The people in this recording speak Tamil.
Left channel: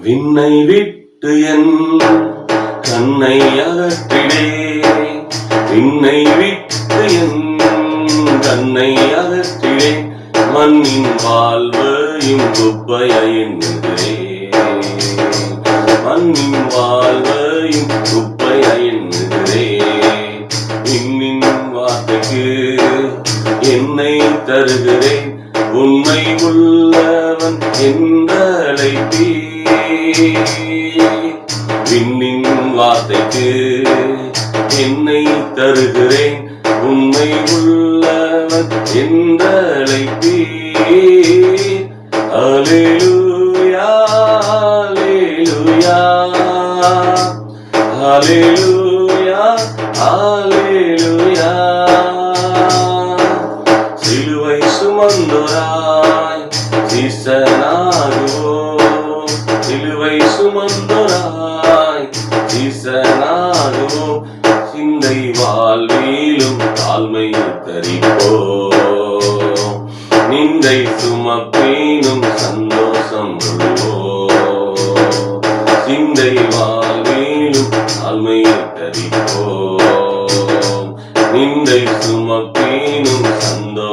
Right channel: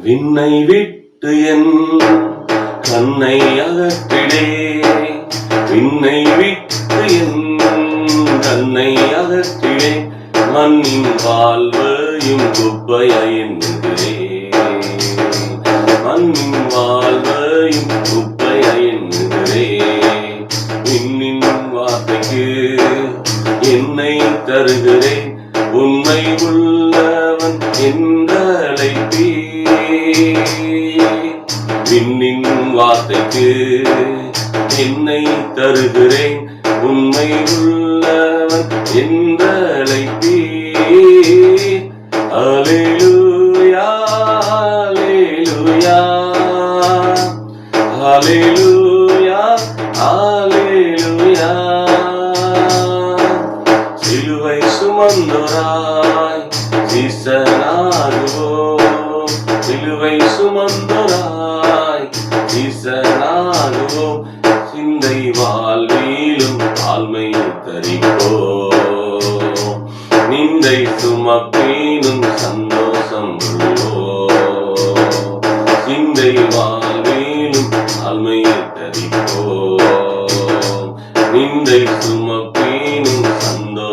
விண்ணை விட்டு என் தன்னை அகற்றிடே. விண்ணை விட்டு என் தன்னை அகற்றிடே. மண்ணின் வாழ்வையும் குப்பையென்னுகிறே மண்ணின் வாழ்வையும் குப்பையென்னுகிறே விண்ணின் வார்த்தைக்கு என்னை தருகிறேன். உண்மை உள்ள விண்ணின் வார்த்தைக்கு என்னை தருகிறேன். உண்மை உள்ளவன் என்றழைப்பே அலேலுயா அலேலுயா அலேலுயா அலேலுயா சிலுவை சுமந்தோராய் சீசனாகுவோம் சிலுவை சுமந்தோராய் சீசனாகுவோம் சிந்தை வாழ்விலும் தாழ்மை தரிப்போ நிந்தை சுமப்பீனும் சந்தோஷம் கொள்வோம். சிந்தை வாழ்விலும் தாழ்மை தரிப்போ நிந்தை சுமப்பீனும் சந்தோஷம்